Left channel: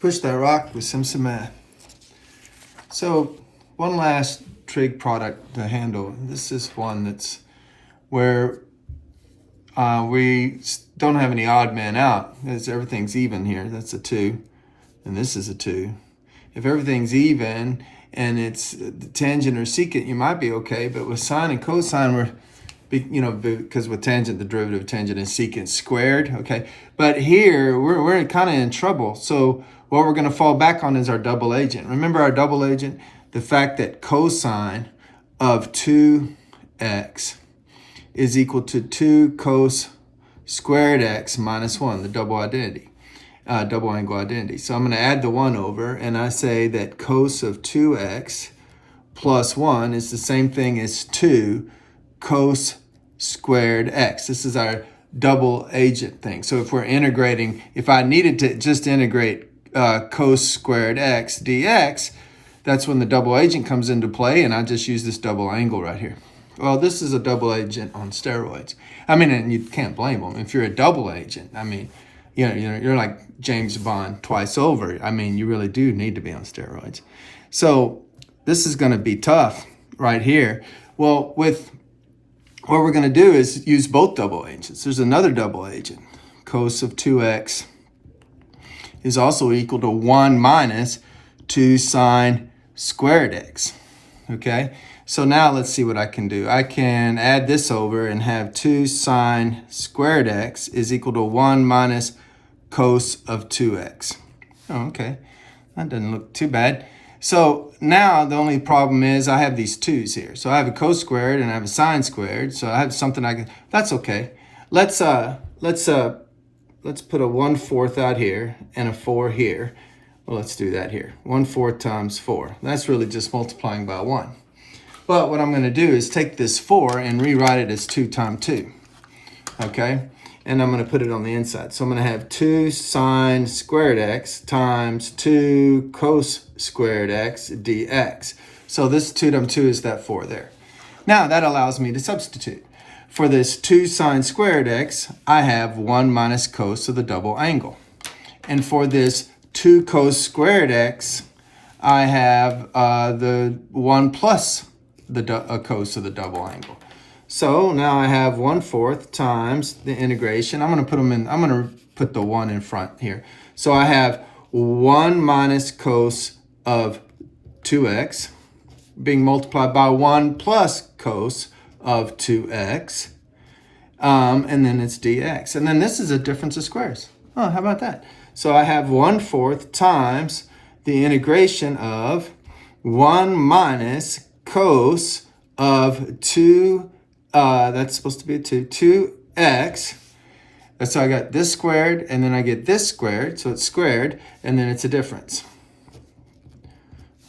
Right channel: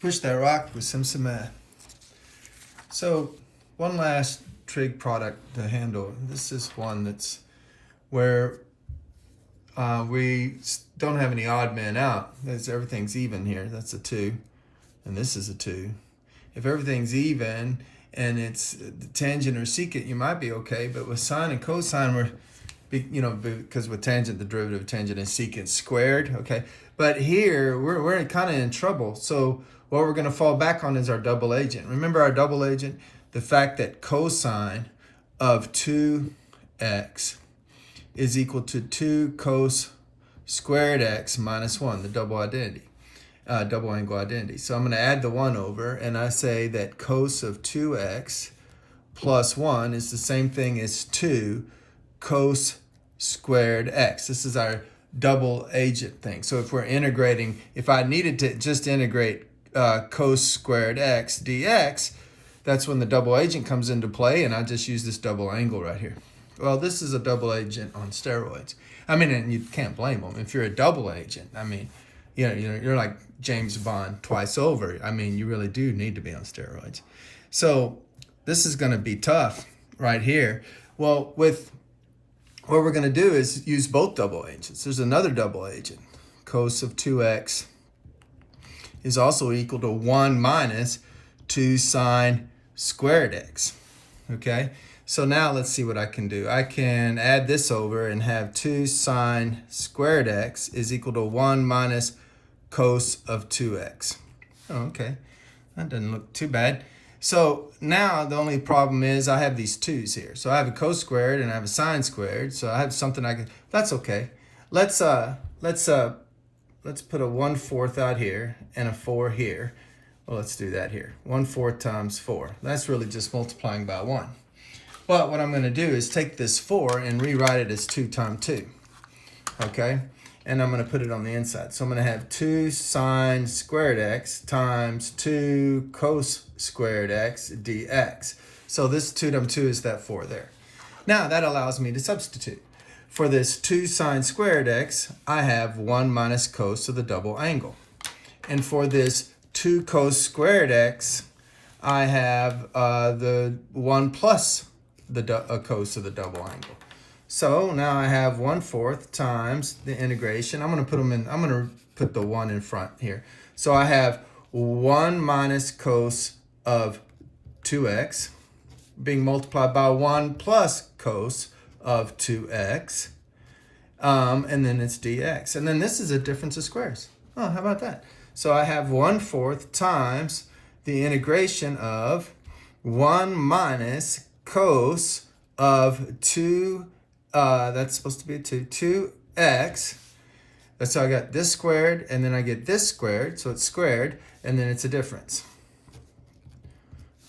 push that rock with some cement. So one last trig product to handle. This is one that's where we don't have any odd man out. Everything's even here. That's a 2. And this is a 2. If everything's even and it's tangent or secant, you might be okay. But with sine and cosine, because with tangent, the derivative of tangent is secant squared, okay? But here, we're kind of in trouble. So what we're going to fall back on is our double agent. Remember our double agent? The fact that cosine of 2x is equal to 2 cos squared x minus 1, the double angle identity. So I'm going to add the 1 over, and I say that cos of 2x plus 1 is the same thing as 2 cos squared x. This is our double agent thing. So if we're integrating, if I needed to just integrate cos squared x dx, that's when the double agent comes into play, and I just use this double angle right here. Well, this is a double agent on steroids. I mean, and you can't blame them. If you're a double agent, I mean, you're like James Bond twice over. I mean, you really do need to be on steroids. So this is going to be tough right here. Well, what we're going to do is use both double agents. There's another double agent. Cos of 2x is also equal to 1 minus 2 sine squared x. Okay? So now let's see what I can do. I can add this over and have 2 sine squared x is equal to 1 minus cos of 2x. Oh, okay. That doesn't look too bad. So now the only problem is I have these 2's here. So I have a cos squared and I have a sine squared. So I have something I can, that's okay. Let's put a 1/4 out here and a 4 here. Well, let's do that here. 1/4 times 4. That's really just multiplying by 1. But what I'm going to do is take this 4 and rewrite it as 2 times 2. Okay? And I'm going to put it on the inside. So I'm going to have 2 sine squared x times 2 cos squared x dx. So this 2 times 2 is that 4 there. Now that allows me to substitute. For this 2 sine squared x, I have 1 minus cos of the double angle. And for this 2 cos squared x, I have the 1 plus the cos of the double angle. So now I have 1/4 times the integration. I'm going to put the 1 in front here. So I have 1 minus cos of 2x being multiplied by 1 plus cos of 2x. And then it's dx. And then this is a difference of squares. Oh, how about that? So I have 1/4 times the integration of 1 minus cos of 2, that's supposed to be a 2x. So I got this squared, and then I get this squared, so it's squared, and then it's a difference.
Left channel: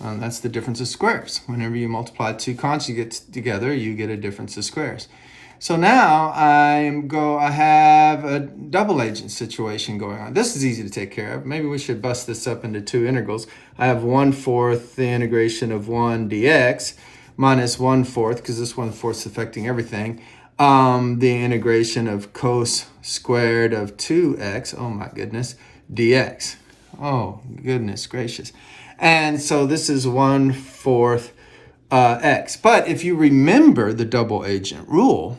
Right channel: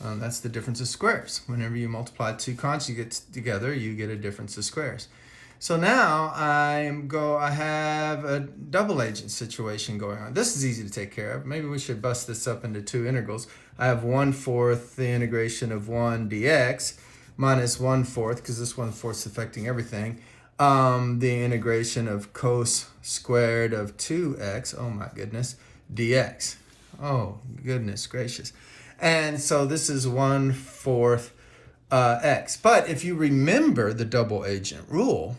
That's the difference of squares. Whenever you multiply 2 conjugates together, you get a difference of squares. So now I have a double agent situation going on. This is easy to take care of. Maybe we should bust this up into 2 integrals. I have 1/4 the integration of 1 dx minus 1/4, because this 1/4 is affecting everything, the integration of cos squared of 2x, oh my goodness, dx. Oh, goodness gracious. And so this is 1/4 x. But if you remember the double agent rule,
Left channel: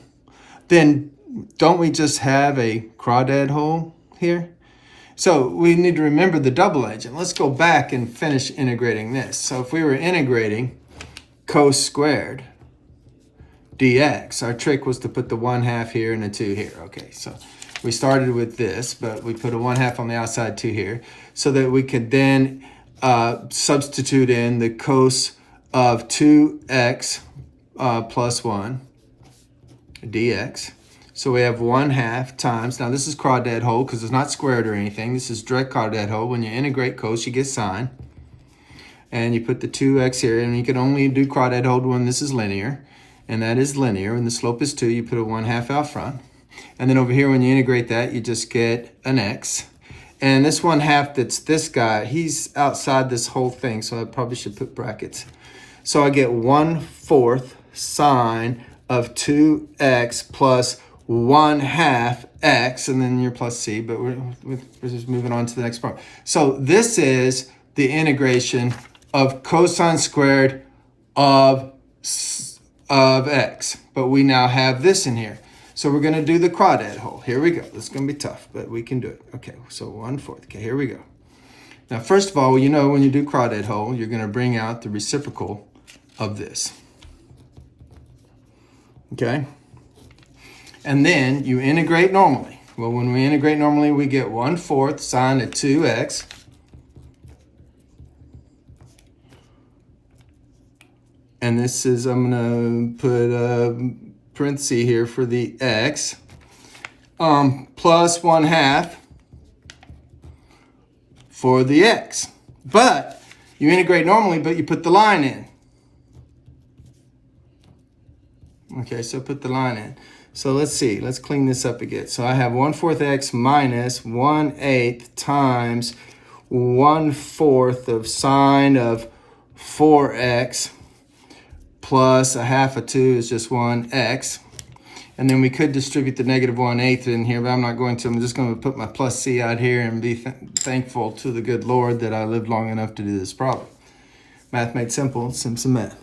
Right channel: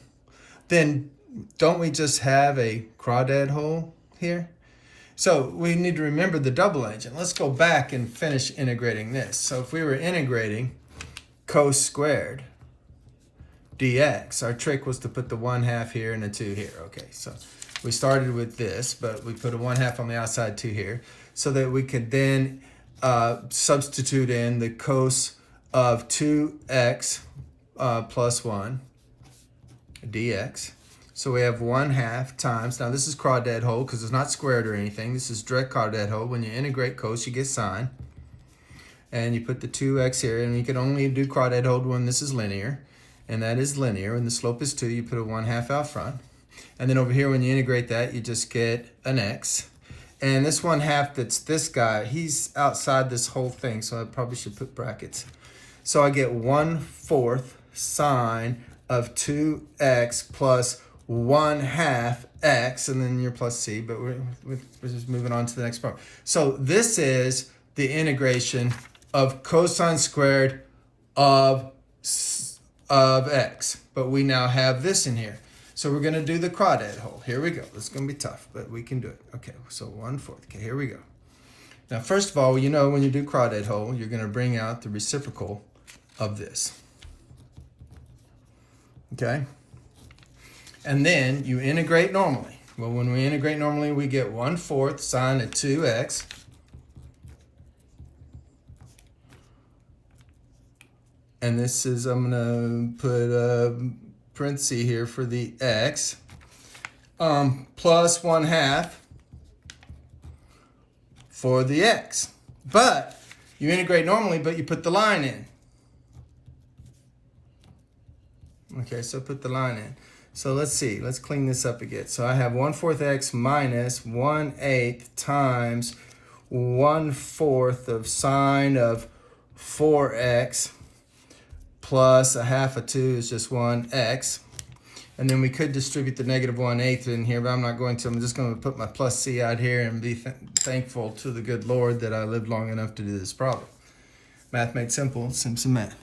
then don't we just have a crawdad hole here? So we need to remember the double agent. Let's go back and finish integrating this. So if we were integrating cos squared dx, our trick was to put the 1/2 here and a 2 here. Okay, so we started with this, but we put a 1/2 on the outside, 2 here, so that we could then substitute in the cos of 2x plus 1 dx. So we have 1/2 times, now this is crawdad hole because it's not squared or anything. This is direct crawdad hole. When you integrate cos, you get sine. And you put the 2x here, and you can only do crawdad hole when this is linear. And that is linear. When the slope is 2, you put a 1/2 out front. And then over here, when you integrate that, you just get an x. And this 1/2 that's this guy, he's outside this whole thing, so I probably should put brackets. So I get 1/4 sine of 2x plus 1/2 x, and then your plus c, but we're just moving on to the next part. So this is the integration of cosine squared of x, but we now have this in here. So we're going to do the crawdad whole. Here we go. This is going to be tough, but we can do it. Okay, so 1/4. Okay, here we go. Now, first of all, you know when you do crawdad whole, you're going to bring out the reciprocal of this. Okay? And then you integrate normally. Well, when we integrate normally, we get 1/4 sine of 2x. And this is, I'm going to put a parenthesis here for the x, plus 1/2 for the x. But you integrate normally, but you put the line in. Okay, so put the line in. So let's see, let's clean this up again. So I have 1/4 x minus 1/8 times 1/4 of sine of 4x plus 1/2 of 2 is just 1x. And then we could distribute the negative 1/8 in here, but I'm not going to. I'm just going to put my plus c out here and be thankful to the good Lord that I lived long enough to do this problem. Math made simple, Simpson Math.